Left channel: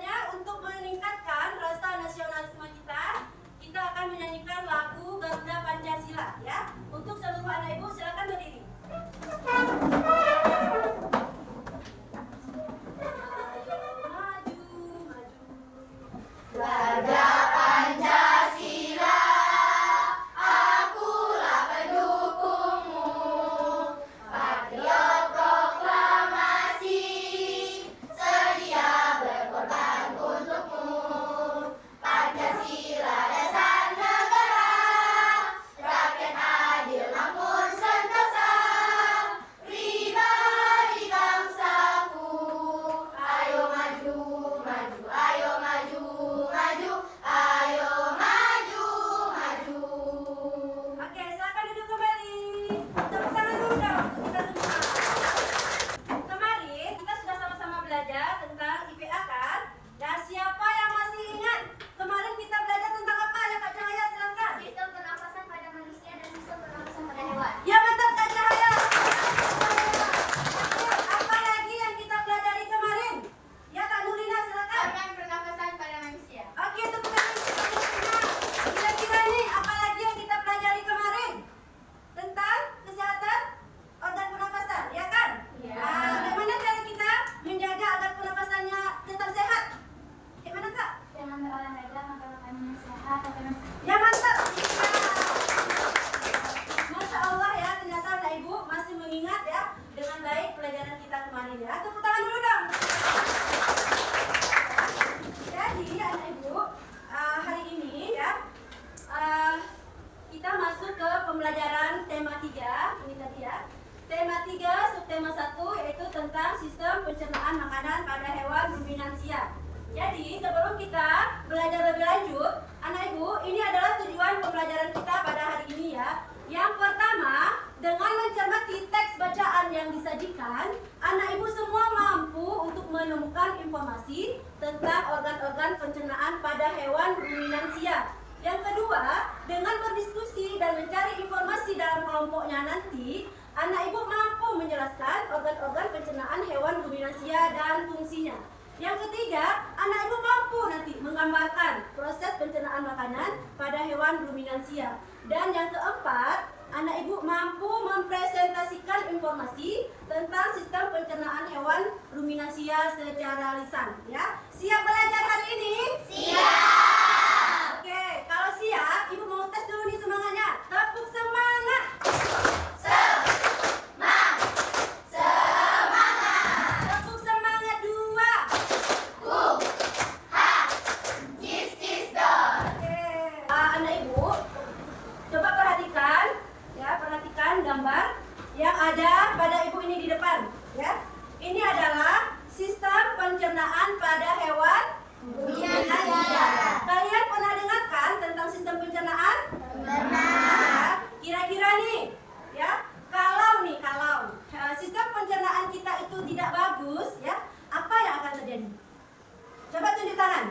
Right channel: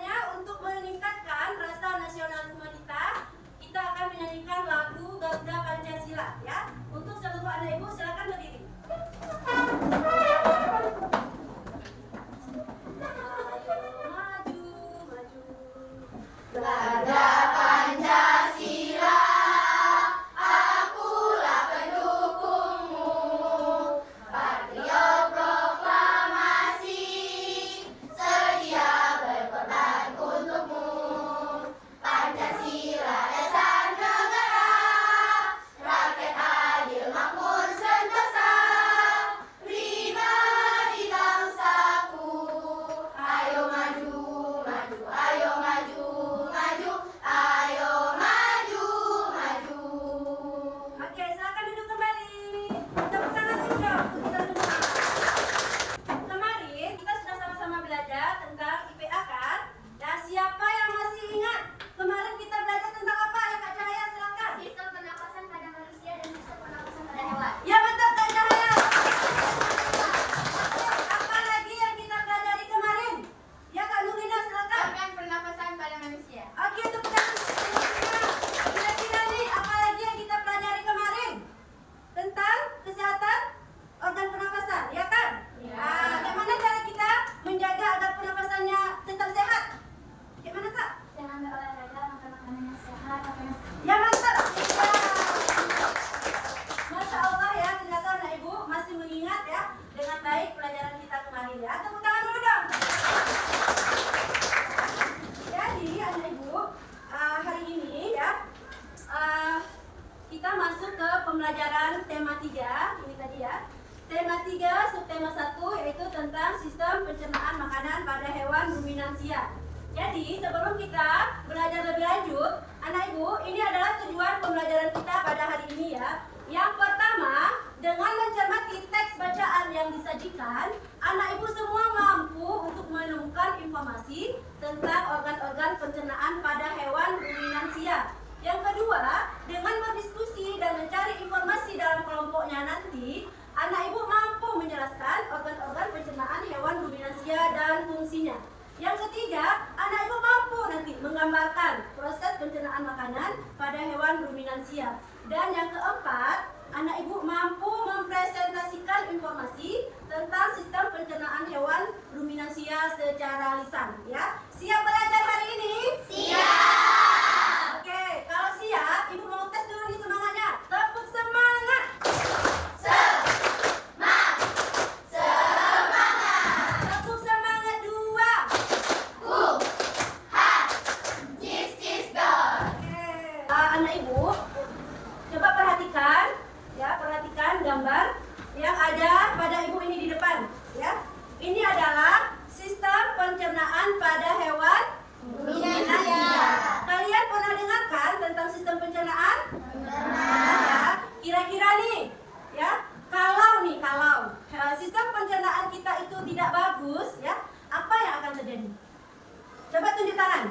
biasanya untuk meningkatkan rasa nasionalisme kita, kita akan menyanyikan lagu Garuda Pancasila ya. Untuk seluruh anak ibu silakan berdiri. Garuda Pancasila, akulah pendukungmu. Patriot proklamasi, sedia berkorban untukmu. Pancasila dasar negara, rakyat adil makmur sentosa. Pribadi bangsaku, ayo maju, maju, ayo maju. Ayo maju, maju. Oke, silakan duduk kembali. Tepuk tangan dulu dong untuk kita semua. Kemarin kita sudah sama-sama belajar tentang IPA kan? Dan siapa yang masih ingat? Kemarin kita belajar tentang apa ya Kak Cahaya? Silakan. Sistem pernapasan pada manusia dan sistem pernapasan pada hewan. Ya mantap Kak Cahaya. Apa lagi yang kita pelajari kemarin? Ya Kak Nurina silakan. Organ pernapasan pada manusia. Oke, tepuk tangan. Kira-kira nih, apa lagi yang kita pelajari kemarin? Tentang kesehatan organ pernafasan, ya kan? Iya. Bagaimana cara kita menjaga agar pernafasannya tetap sehat? Gimana Kak? Dengan berolahraga, makan makanan yang sehat, pakai masker. Ya mantap. Ya. Masya Allah ya, ternyata anak ibu masih mengingat ya dengan baik pelajaran kita kemarin ya. Tepuk tangan dulu dong. Jadi anak ibu, hari ini ya kita masuk ke pembelajaran tema 3. Ini tadi ya. Tema 3 subtema 1 yaitu tentang sistem pencernaan makanan pada hewan ruminansia. Jadi sebelum kita belajar lebih lanjut, anak ibu, ini adalah tujuan pembelajaran kita pada hari ini ya. Yang pertama, dengan mencermati teks bacaan yang disajikan, anak ibu semua mampu untuk menemukan informasi tentang organ-organ pencernaan pada hewan ruminansia. Yang kedua, dengan berdiskusi dan mencari informasi dalam kelompoknya nanti, anak ibu mampu menjelaskan organ-organ pencernaan hewan ruminansia dan fungsinya. Yang ketiga, anak ibu mampu nanti menggambarkan proses pencernaan makanan pada hewan ruminansia. Dan yang keempat, anak ibu mampu mempresentasikan informasi tentang sistem pencernaan hewan ruminansia secara lisan. Ya, siap belajar hari ini? Siap. Oke, kalau siap, ibu mau tes dulu nih semangatnya. Tepuk semangat. Tepuk semangat 2. Oke, anak ibu, coba perhatikan, ya perhatikan gambar yang ada pada ibu ini di depan, ya. Ini adalah sistem pencernaan pada hewan ruminansia. Kalian pernah dengarkan tentang sistem pencernaan? Ya. Kira-kira nih, ya, kalau sistem pencernaan kita itu tidak bagus, ya, apa yang akan terjadi? Coba tunjuk tangan.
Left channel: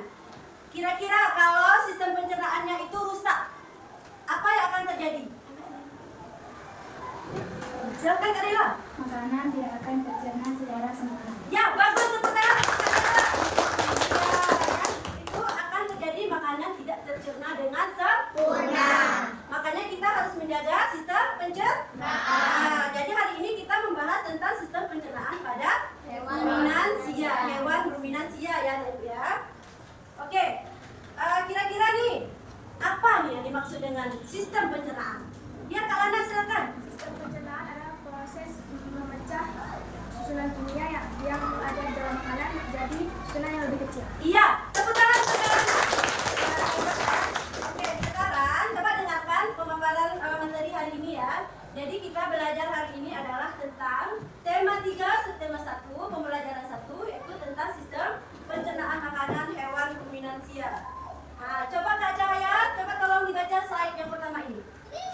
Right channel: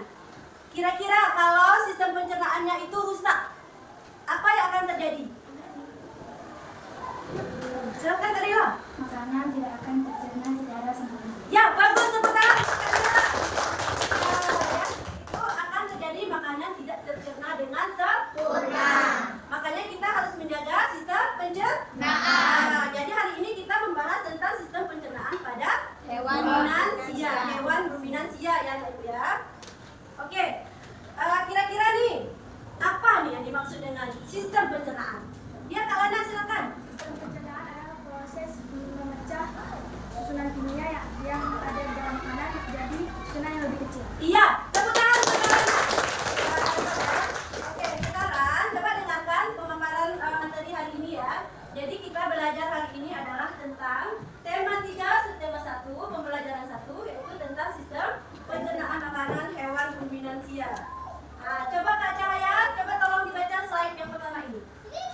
Kira-kira kalau sistem pencernaannya itu rusak, apa yang akan terjadi? Silakan Kak Rila. Makanan tidak akan tercerna secara sempurna. Ya, bagus, tepuk tangan. Ya, itu akan terjadi makanan tidak tercerna dengan sempurna. Makanya kita harus menjaga sistem pencernaan. Jadi hari ini kita membahas tentang sistem pencernaan pada Hewan ruminansia ya, Ibu ya. Oke, kira-kira nih apa nih yang dimaksud dengan sistem pencernaan? Ya, Kak Lana silakan. Sistem pencernaan adalah proses memecah susunan kimia yang ada di dalam makanan jadi susunan yang lebih kecil. Iya, tepuk tangan. Oke, sekarang coba dengarkan pemaparan materi hari ini ya. Jadi kita belajar hari ini adalah tentang tema 3 subtema 1, pembelajaran 1 yaitu tentang sistem pencernaan makanan hewan ruminansia. Nah, coba Kak Cahaya, coba tolong dibaca slide yang pertama ini.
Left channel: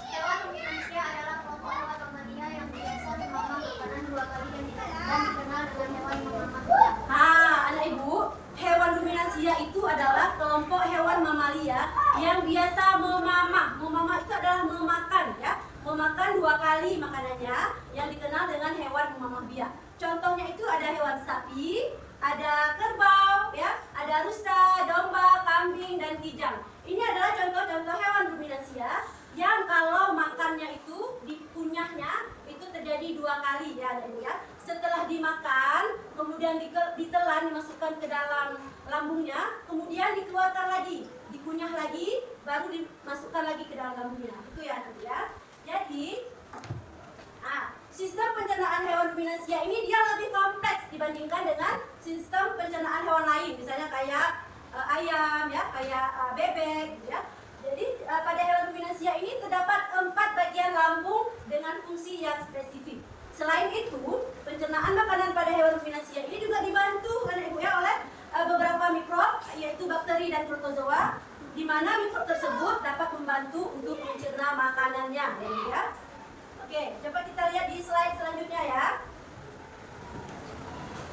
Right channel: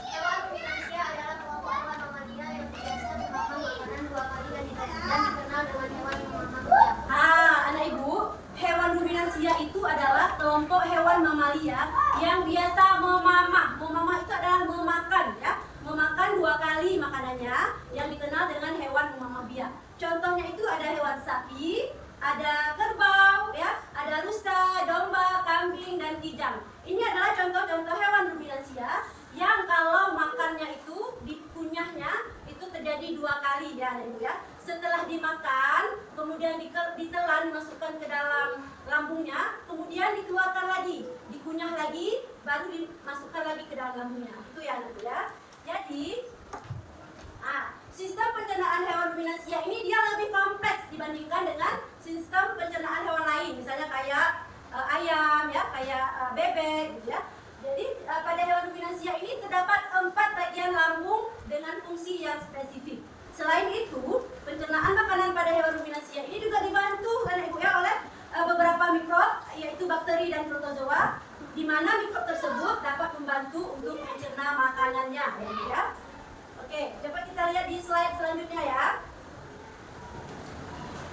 Hewan ruminansia adalah kelompok hewan mamalia yang biasa memakan makanan 2 kali dan dikenal dengan hewan mamalia. Anak ibu, hewan ruminansia itu adalah kelompok hewan mamalia yang biasa memamah. Memamah itu adalah memakan ya. Memakan 2 kali makanannya yang dikenal dengan hewan memamah biak. Contohnya itu ada hewan sapi, ada kerbau ya, ada Ada rusa, domba, kambing, dan kijang. Ini adalah contoh-contoh hewan ruminansia yang kalau makannya itu dikunyahnya itu terjadi 2 kali ya, anak ibu ya. Setelah dimakan, kemudian ditelan, dimasukkan ke dalam lambungnya, kemudian dikeluarkan lagi, dikunyah lagi, baru dimasukkan lagi ke dalam lambungnya. Itu ya, anak ibu ya. Jadi, sistem pencernaan hewan ruminansia ini dia lebih kompleks dibandingkan dengan sistem pencernaan hewan lain, misalnya kayak ayam ya, kayak bebek gitu ya. Jadi pada hewan ruminansia ini terdapat 4 bagian lambung dengan fungsi yang spesifik. Selain itu, pencernaan makanan pada hewan ruminansia ini juga dibantu kan ibu ya oleh beberapa mikrob, yaitu bakteri dan protozoa, di mana mikrob tersebut dapat membantu untuk mencerna makanannya ya. Oke, coba kita lihat di slide selanjutnya ya.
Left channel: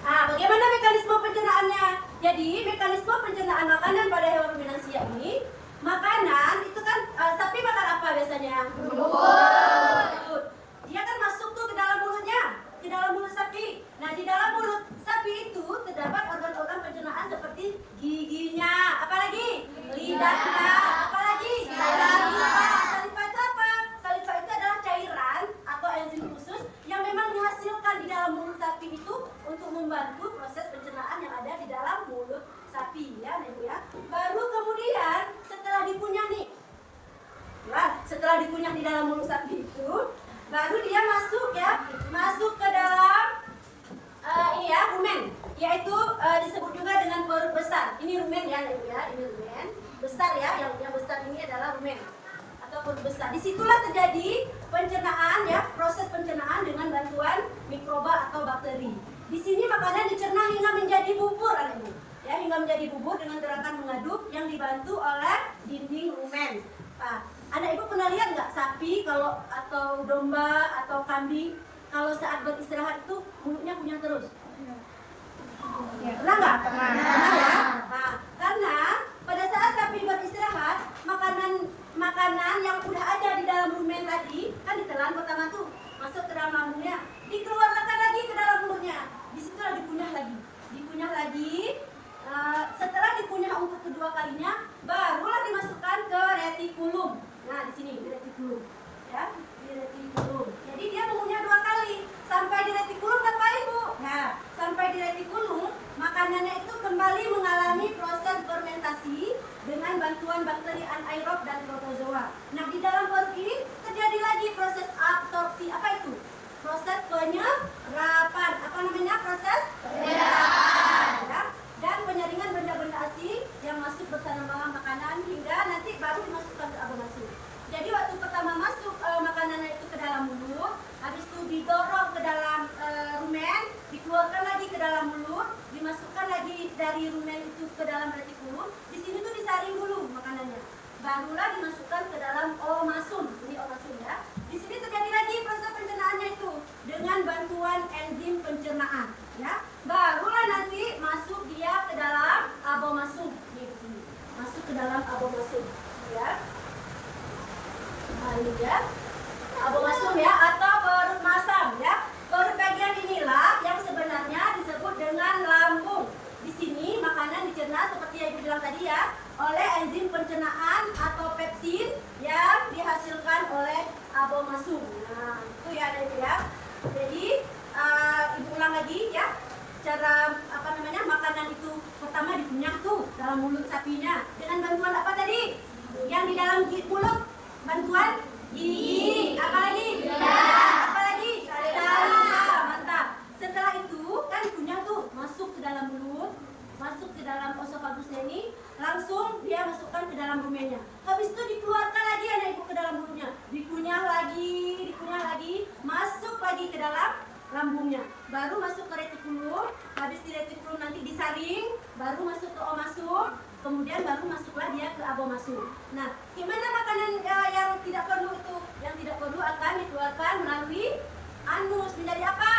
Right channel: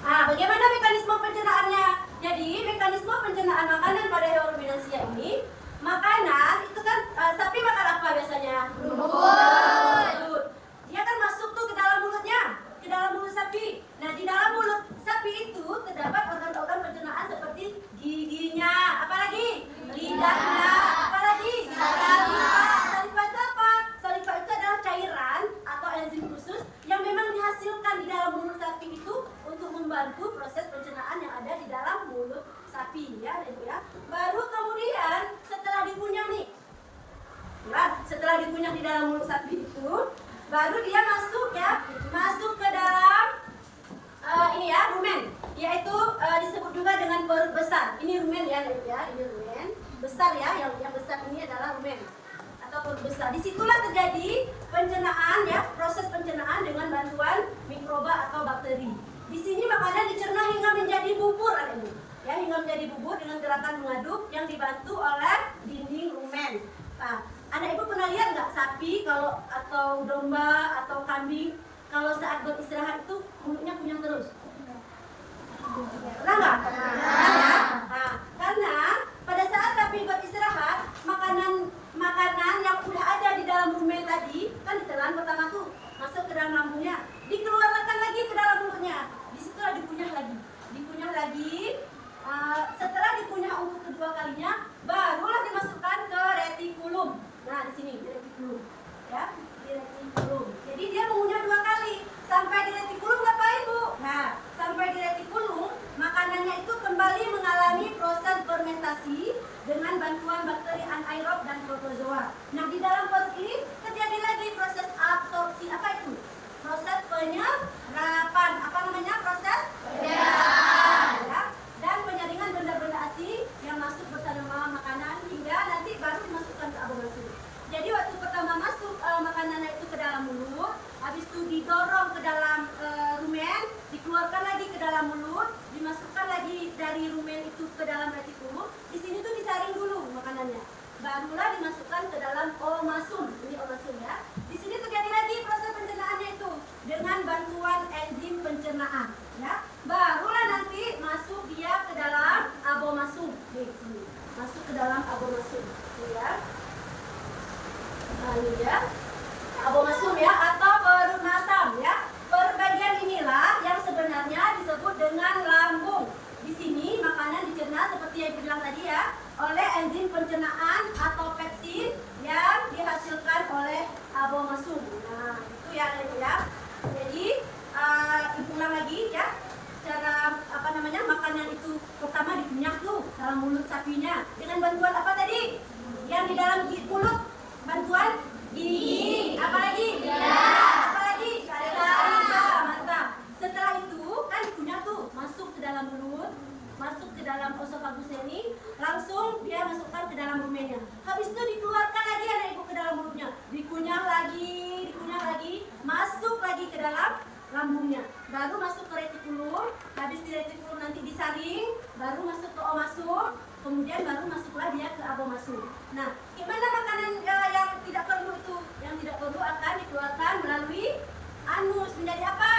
Bagaimana mekanisme pencernaannya? Jadi, mekanisme pencernaan makanan pada hewan ruminansia ini, makanan itu kan sapi makan apa biasanya? Bulut. Dia kan masuk tuh ke dalam mulutnya, ke dalam mulut sapi. Nah, di dalam mulut sapi itu terdapat organ-organ pencernaan seperti giginya, apalagi lidahnya, apalagi saliva. Saliva itu apa? Saliva itu adalah cairan atau enzim khusus yang memang dihasilkan di dalam mulut sapi itu untuk membantu proses pencernaan yang ada di dalam mulut sapi ya. Baru kemudian setelah dikunyah nih, ya, setelah dikunyah di dalam mulut sapi itu, baru dia masuk ya, masuk ke dalam ini ya, rumen, yaitu disebut juga dengan perut besar. Ini rumen ya, ini rumen besar ya, yang besar ini adalah rumen atau perut besar. Disitulah terjadi pencernaan ya, proses pencernaan dengan bantuan mikroba atau bakteri. Di sini makanan dicerna hingga menjadi bubur adanya, ya, hingga menjadi bubur dengan gerakan mengaduk yang dibantu oleh dinding rumen. Anak ibu pernah lihat nggak sapi kalau atau domba atau kambing kalau saat beristirahat itu mulutnya kunyah terus? Pernah nggak? Pernah ya? Karena pada saat sapi beristirahat, makanan yang udah ada di dalam rumen tadi kan ditelan pertama tuh masuk ke dalam lambungnya, dikeluarkan lagi ke dalam mulutnya, disitulah dikunyah lagi. Setelah dikunyah untuk kedua kalinya, barulah dimasukkan ke retikulum. Nah, di sini di retikulum, ya, di retikulum. Jadi dia mengunyah 2 kali. Sampai di retikulum ngapain bu? Nah, sampai di retikulum makanannya itu kembali mengalami proses fermentasi dengan bantuan bakteri anaerob dan protozoa. Nah, di dalam perut ini terjadi lagi proses absorpsi. Apa itu? Proses penyerapan. Apa namanya proses? Penyerapan. Ya. Dan penyaringan benda-benda asing yang masuk bersama makanan hingga nanti baru dimasukkan ke abomasum. Jadi waktu pertama masuk makanannya itu ke dalam mulut, habis itu didorong ke dalam rumen, dikeluarkan lagi ke dalam mulut, dimasukkan lagi dari rumen itu ke dalam retikulum. Di sini tuh disaring dulu makanannya, barulah dimasukkan ke dalam omasum. Ini omasum ya. Di sini terjadi lagi proses pencernaannya itu dengan bantuan enzim pencernaan, ya. Barulah nanti masuk dia ke dalam abomasum. Nih, sini. Masuk ke dalam abomasum, ya. Nah, ini ya. Abomasum ya, atau perut masam ya. Perut bagian inilah yang sebenarnya disebut dengan lambung. Di sini makanan dicerna seperti yang Ibu bilang tadi ya, oleh enzim pencernaan atau pepsin yang dihasilkan oleh abomasum. Nah, itu ya dari ya. Jadi diulang lagi ya. Cara makanan itu pertama dikunyah tuh dalam mulut sapinya dengan bantuan apa tadi? Yang di dalam mulut bantuan gigi, apalagi? Apalagi? Saliva, mantap. Setelah itu kan dikunyah tuh masuk ke dalam mulut, masuk ke dalam esofagusnya ini, langsung dia masukkan ke dalam rumennya. Habis itu dikeluarkan lagi anak ibu ke dalam mulutnya, dikunyah lagi, masuk lagi ke dalam lambungnya, baru masuk ke retikulum. Habis di retikulum nanti disaring, baru masuk ke omasum, kemudian baru masuklah dia ke abomasum. Nah, gimana makanan yang tidak perlu itu? Yang tidak perlu akan dikeluarkan melalui anus, menjadi apa?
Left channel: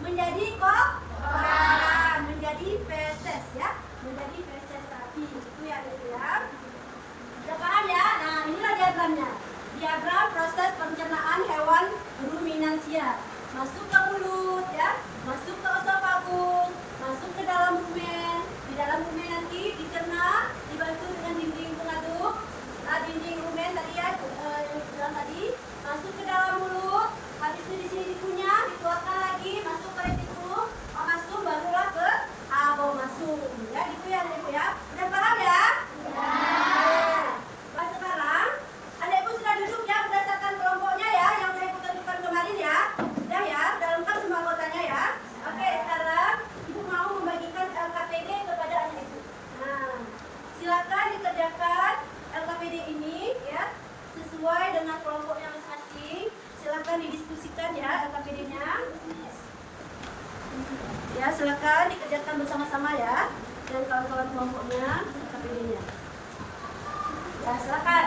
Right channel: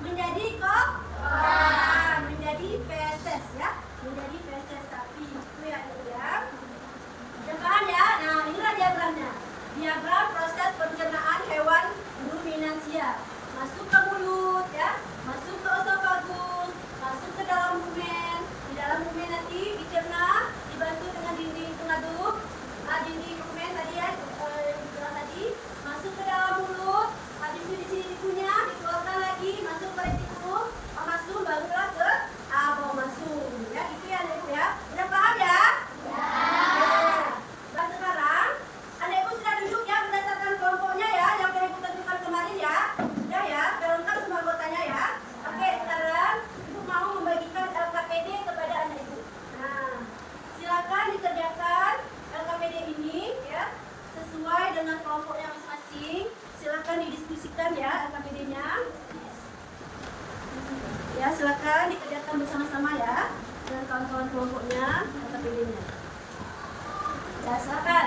Menjadi kotoran, menjadi feses ya, menjadi feses sapi. Itu ya, udah paham ya? Nah, inilah diagramnya. Diagram proses pencernaan hewan ruminansia. Masuk ke mulut ya, masuk ke esofagus, masuk ke dalam rumen, di dalam rumen nanti dicerna, dibantu dengan dinding pengaduk. Dinding rumen tadi ya, yang dibilang tadi, masuk ke dalam mulut. Habis itu di sini dikunyah, dikeluarkan lagi, masuk ke retikulum, masuk barulah ke abomasum. Ya, gitu ya, Ibu ya. Udah paham ya? Nah, sekarang adik-ibu sudah duduk ya berdasarkan kelompoknya ya, yang sudah Ibu tentukan kemarin ya. Udah ya, sudah lengkap semua anggotanya ya. Oke, sekarang Ibu mau membagikan LKPD kepada anak Ibu. Nah, silakan dikerjakan LKPD ini ya sesuai dengan kelompoknya masing-masing. Silakan didiskusikan ya LKPD-nya. Ya, silakan dikerjakan bersama-sama ya dan kawan-kawan kelompoknya LKPD-nya. Ya, silakan.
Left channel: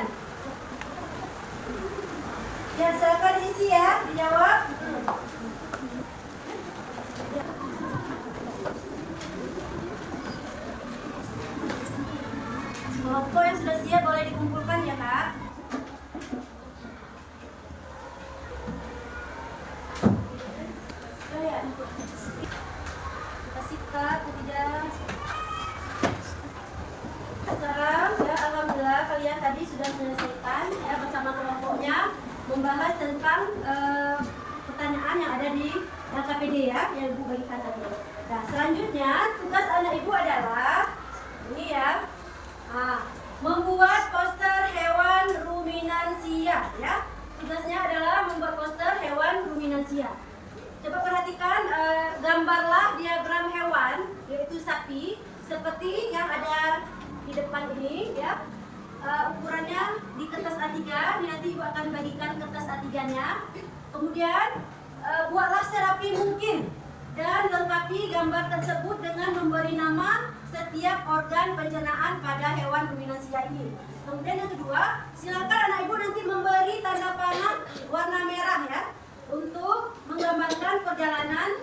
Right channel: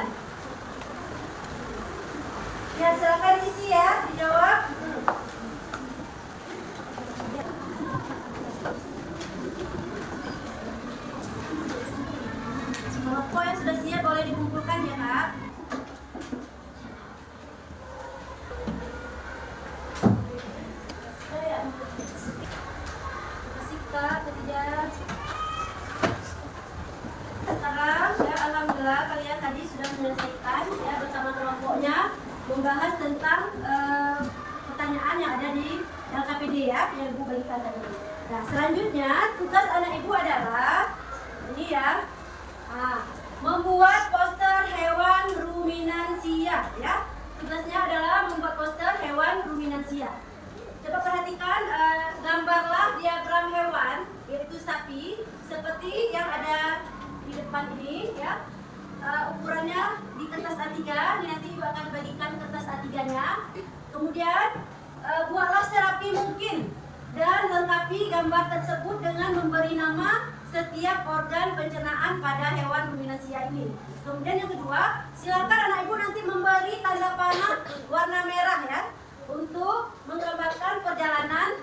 Ya, silakan isi ya, dijawab. Kelompok yang sudah siap boleh dikumpulkan ya, Kak. Kasih Kak, Khadijah. Sekarang ya, alhamdulillah kalian tadi sudah menyelesaikan ya bersama kelompoknya membahas tentang pertanyaan yang ada di LKPD ya yang Ibu bagikan tadi. Nah, selanjutnya tugas anak Ibu adalah ini ya. Membuat poster hewan ruminansia ya. Tugasnya adalah membuat poster hewan ruminansia. Coba perhatikan, gambarlah diagram hewan yaitu sapi seperti yang ada di depan ini ya. Ukurannya di kertas A3, nanti Ibu akan bagikan kertas A3-nya. Kemudian buatlah serapi mungkin dan lengkapi gambar tersebut dengan memberi nama setiap organ pencernaan pada hewan ruminansia ini. Kemudian yang kedua, silakan anak Ibu nanti memberi tanda panah warna merah ya untuk menggambarkan perjalanan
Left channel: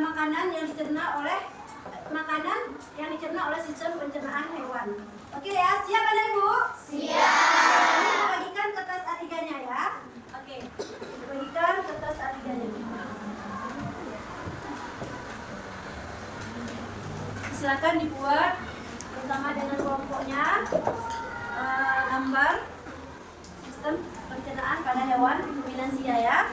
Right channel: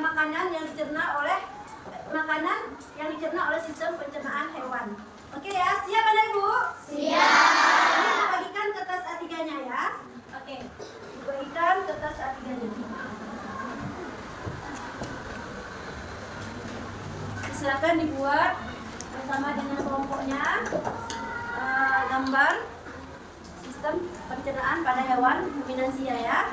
makanan yang dicerna oleh sistem pencernaan hewan. Oke ya, siap anak Ibu? Siap. Ini Ibu bagikan kertas A3-nya ya. Oke, Ibu bagikan kertas A3-nya. Silakan dibuat bersama dengan kelompoknya gambar sistem pencernaan pada hewan ruminansia ya.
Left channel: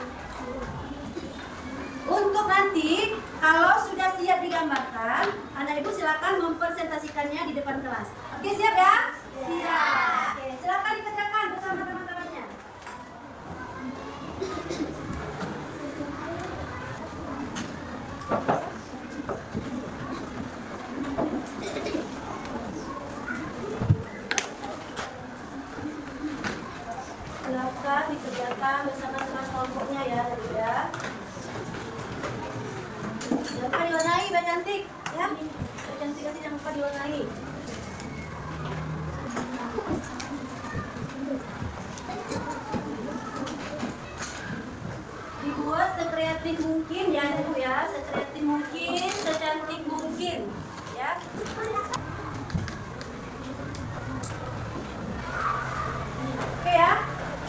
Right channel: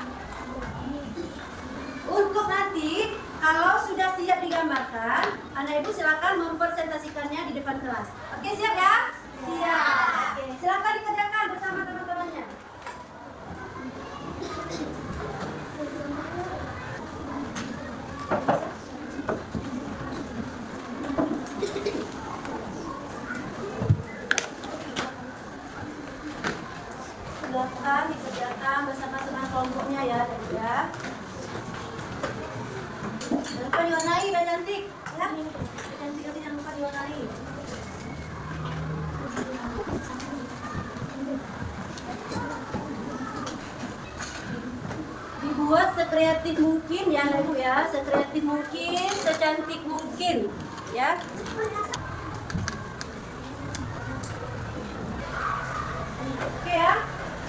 Untuk nanti kalau sudah siap digambarkan, anak Ibu silakan mempresentasikannya di depan kelas. Oke, siap ya? Siap. Oke, silakan dikerjakan bersama teman-temannya. Silakan dikerjakan bersama teman kelompoknya ya, tadi ya. Jangan lupa diwarnai, biar cantik ya. Biar cantik nanti jangan lupa diwarnai. Dibuat sekreatif mungkin ya, Ibu ya. Sekreatif mungkin, secantik mungkin ya. Oke ya.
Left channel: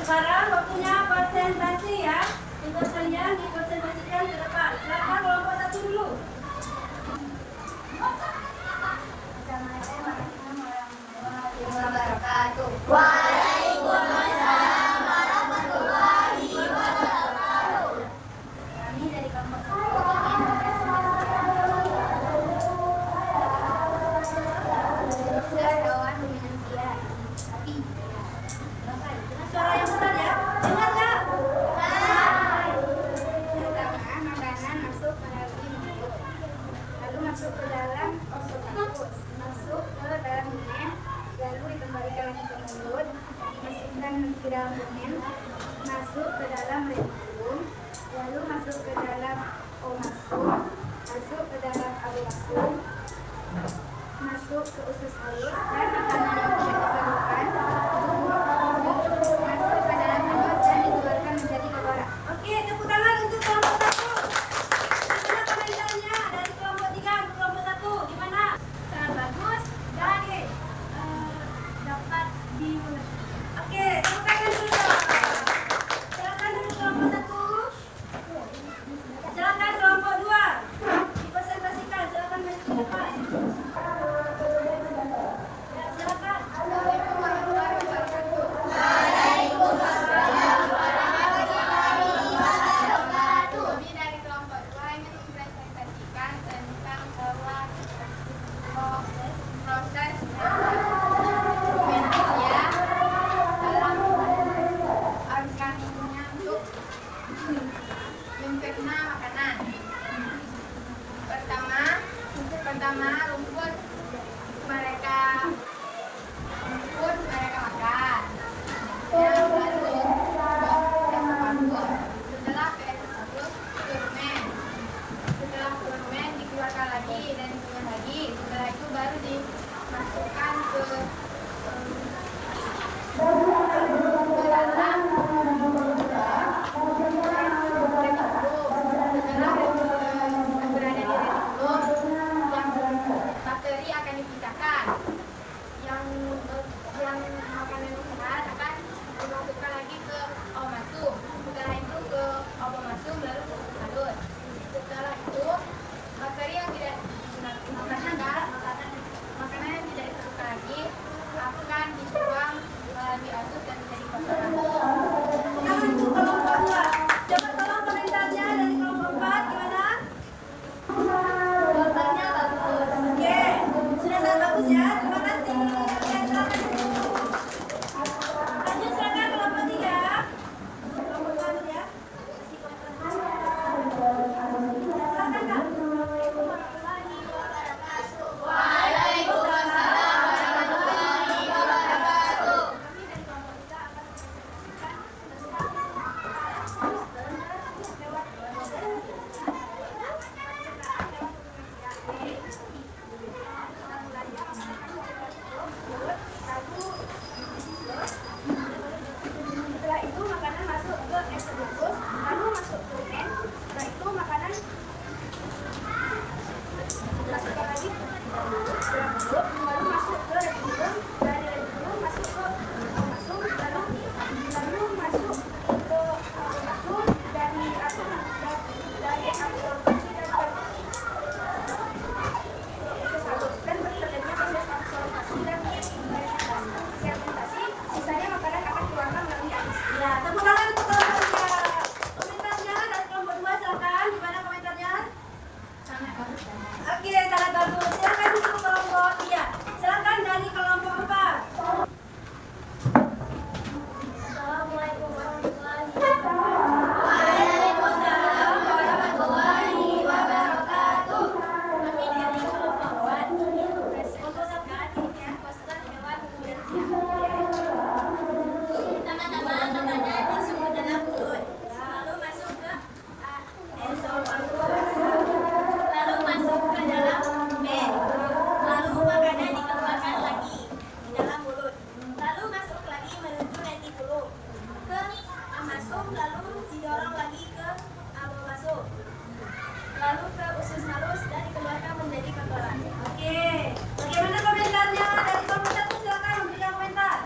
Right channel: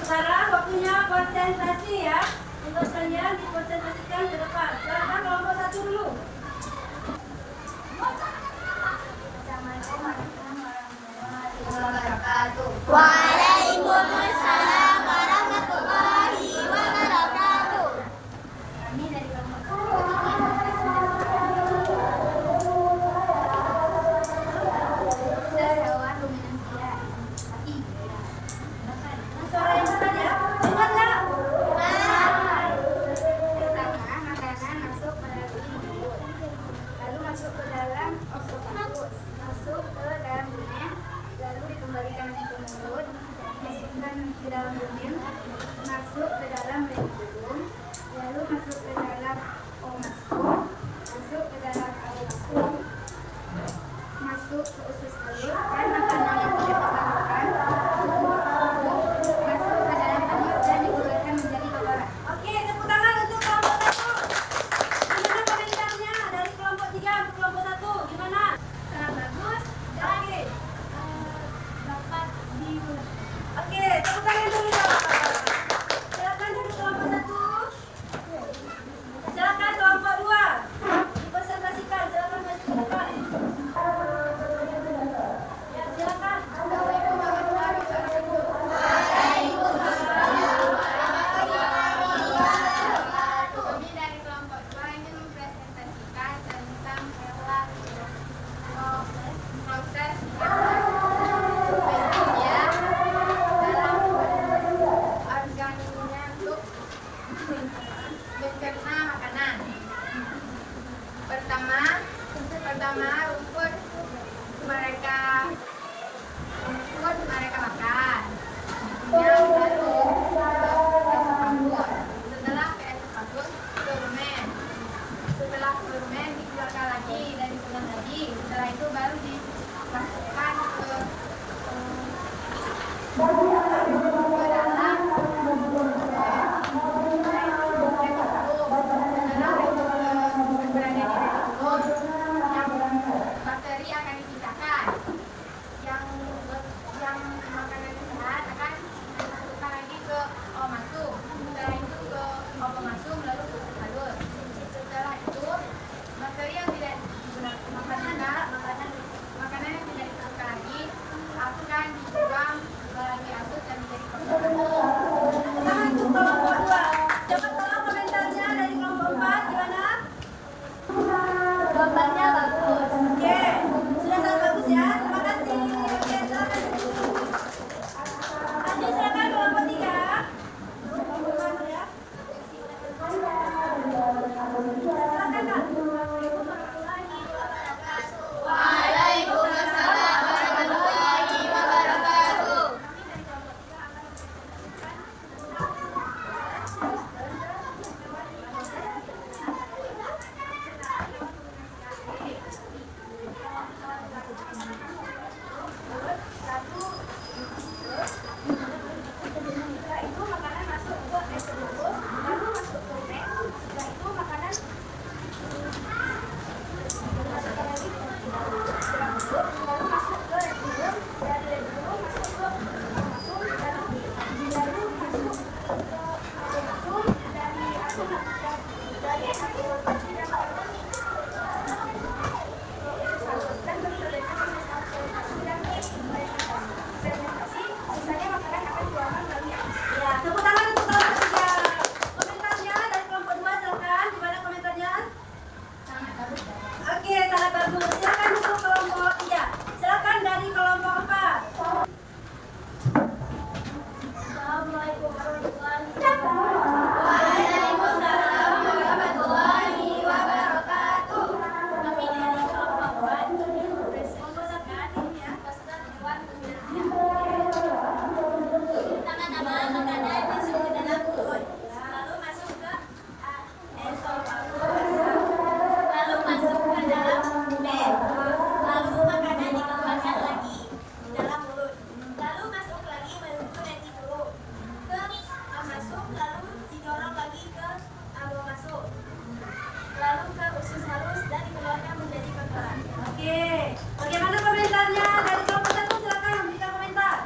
Sekarang waktunya presentasi ya. Untuk kalian dipresentasikan ke depan. Silakan kelompok 1 dulu. Assalamualaikum warahmatullahi wabarakatuh. Waalaikumsalam warahmatullahi wabarakatuh. Kami dari kelompok 1 ingin mempresentasikan poster hewan ruminansia sapi. Bapak, Suara yang besar ya. Dengar nggak? pertama, makanan masuk melalui mulut, lalu masuk ke dalam osofagus, masuk ke dalam rumen, lalu dikembalikan lagi ke mulut, masukkan ke dalam rumen, masuk ke dalam retikulum, lalu masuk ke dalam omasum, masuk ke dalam abomasum, masuk ke usus halus, dan makanan yang tidak terbarukan masuk ke dalam mulut dan dikeluarkan menjadi kotoran. Oke, tepuk tangan untuk kelompok 1. Gimana komentarnya dari kelompok 3 ke kelompok 1? Gimana? Sangat bagus dan dapat diulang. Oke, tepuk tangan dulu dong. Silakan dari kelompok 1. Silakan kelompok 2. Dipresentasikan, silakan maju ke depan. hewan dibuang, diasuh dan menjadi korban. Tangan untuk kelompok 2. Coba tolong komentarnya dari kelompok 4 gimana? Jawabannya bagus. Oke, sudah sangat bagus ya. Terima kasih. Oke, silakan. Lanjut silakan kelompok 3. Kelompok 2 dulu ya. Kasih komentar. Silakan Kak. Setelah itu makanan masuk ke eksternalus, lalu masuk ke rumen. Setelah itu makanan masukkan lagi ke dalam mulut, lalu masuk ke retikulum. Dari retikulum masuk ke amasum, lalu masuk ke amasum. Dari absorbasi dan usus halus dan berjalannya proses absorbasi dan fermentasi. Sisanya makanan akan keluarkan melalui alis. Ya, tepuk tangan untuk kelompok 3. Komentarnya dari kelompok 2 silakan. Gimana komentarnya? Sangat bagus. Oke, sangat bagus. Silakan untuk kelompok 3. Silakan dari kelompok 4. Assalamualaikum warahmatullahi wabarakatuh. Waalaikumsalam warahmatullahi wabarakatuh. Kami dari kelompok 4 ini mempresentasikan pasukan hewan ruminansia. Pertama-tama makanan masuk ke dalam mulut, lalu masuk ke esofagus, lalu masuk ke dalam rumen, lalu makanan dikeluarkan lagi di dalam mulut, lalu masuk lagi menuju retikulum ke amasum, lalu didorong lagi ke abomasum, lalu ke usus halus dan dikeluarkan menjadi kotoran. Oke, bagaimana komentarnya dari kelompok 1? Silakan memberikan komentar.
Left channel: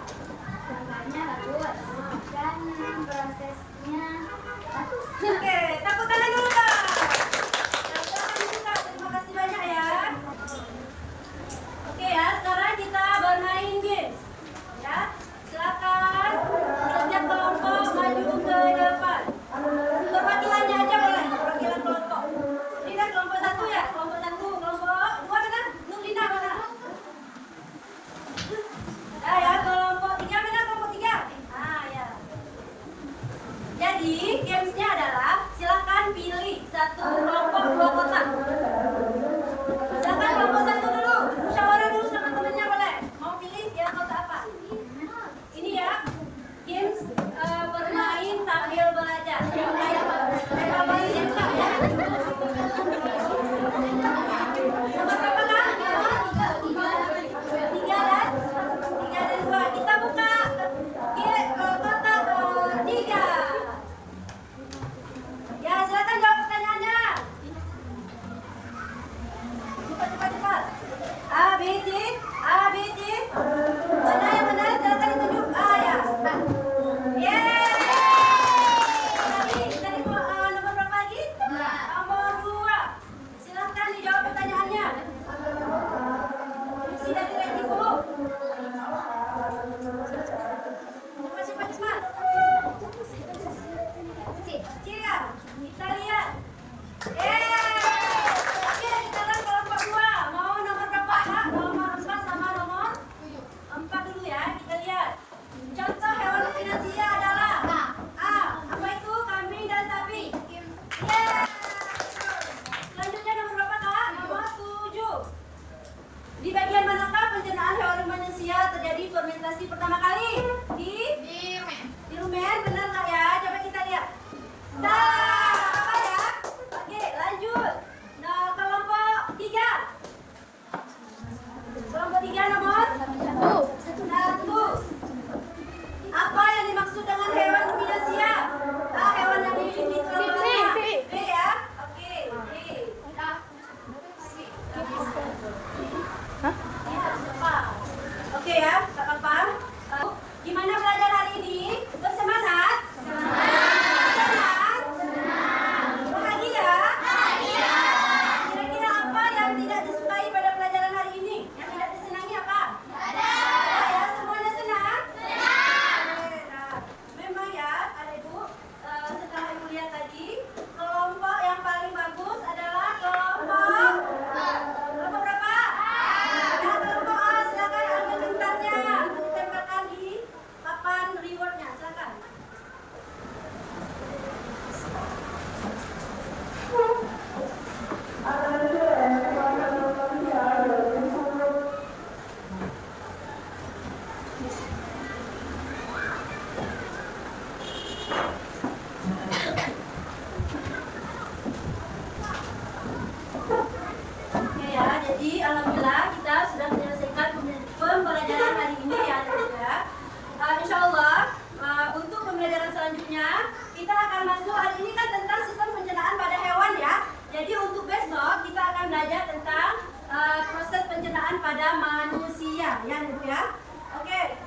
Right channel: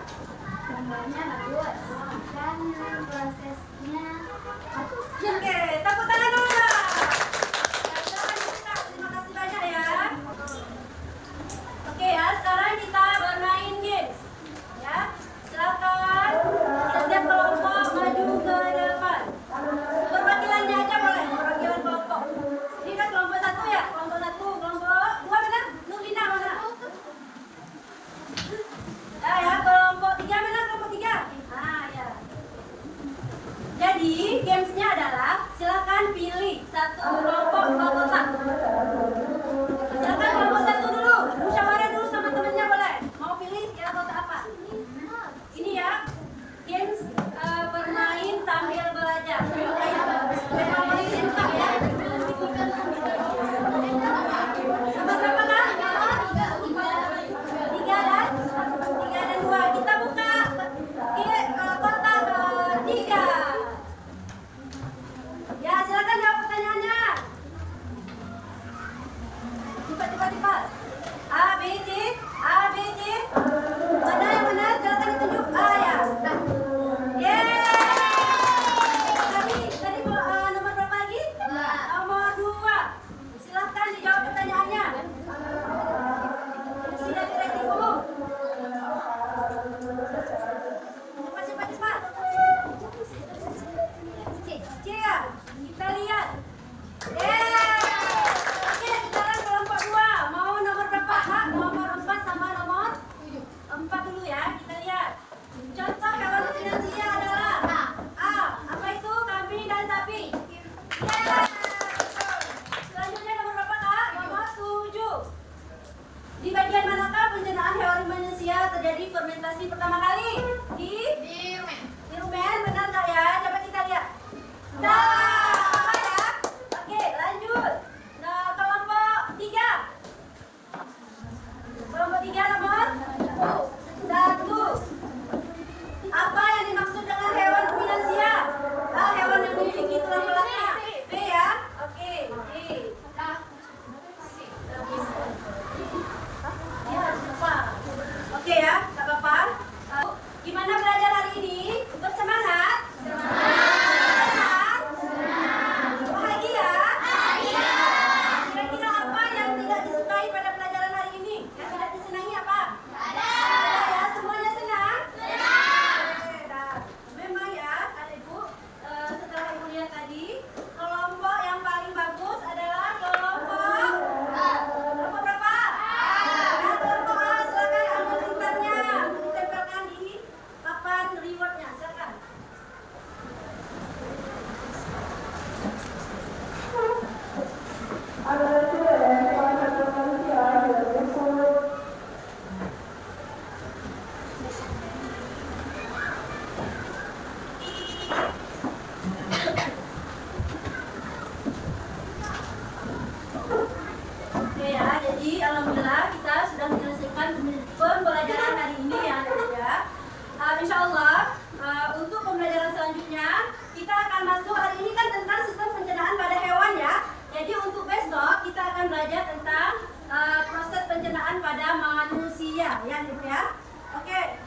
Gambarnya bagus dan prosesnya bagus. Oke, tepuk tangan dulu dong. Silakan dibuka. Terima kasih banyak ya. Oke ya, sekarang kita bermain games. Ya, silakan setiap kelompok maju ke depan. Perwakilannya aja boleh, perwakilan kelompok. Ini kan kelompok 1 ya, kelompok 1, kelompok 2 mana? Nurlina mana? Ya, kelompok 3 mana? Kelompok 3. Ah, ya. Jadi, gamesnya adalah silakan pilih satu kelompok 2 kotak. Silakan kelompok 1 dulu, musyawarah dulu sama temennya boleh. Mau pilih ya kotak apa? Ini ya, games bermain sambil belajar. Kayak kelompok ini Pak, ya. Nomor berapa Kak? 3 dan 2. Kita buka kotak 3. Ya, silakan jawab pertanyaannya. Cepat. A, B, C. Mana yang benar? Silakan ditunjuk. A ya. Tadi nomor berapa lagi? Nomor 2. Silakan dijawab pertanyaannya. Sudah tidak dulu. Cepat. C ya. Kita lihat. Oke, sekarang kelompok 2. Mau nomor berapa? A, nomor 4 sama nomor 4 dulu ya. Kita lihat. Contoh hewan ruminansia adalah A. Apa itu? Kambing dan sapi. Selanjutnya nomor berapa Kak? Nomor 7. Di bagian manakah pencernaan hewan ruminansia terjadi fermentasi pertama kali? Di rumen, benar nggak ya? Coba kita lihat. Salah, apa ya? Oke, lanjut. Nah, kelompok 3. Kelompok 3 nomor 1. Apa yang dimaksud dengan hewan ruminansia? A. Hewan yang memiliki tulang belakang. B ya? Oke, B. Ya, apa? Oke ya, tak apa-apa. Gimana belajar hari ini? Bersemangat? Senang? Bahagia? Kira-kira apa yang tidak disukai pada pelajaran hari ini? Yang tidak disenangi apa? Ada ya, semuanya insya Allah untuk pembelajaran selanjutnya kita akan masuk, hari ini kan tentang sistem pencernaan pada hewan ya. Jadi untuk besok kita akan belajar tentang proses pencernaan pada manusia ya Ibu ya. Oke.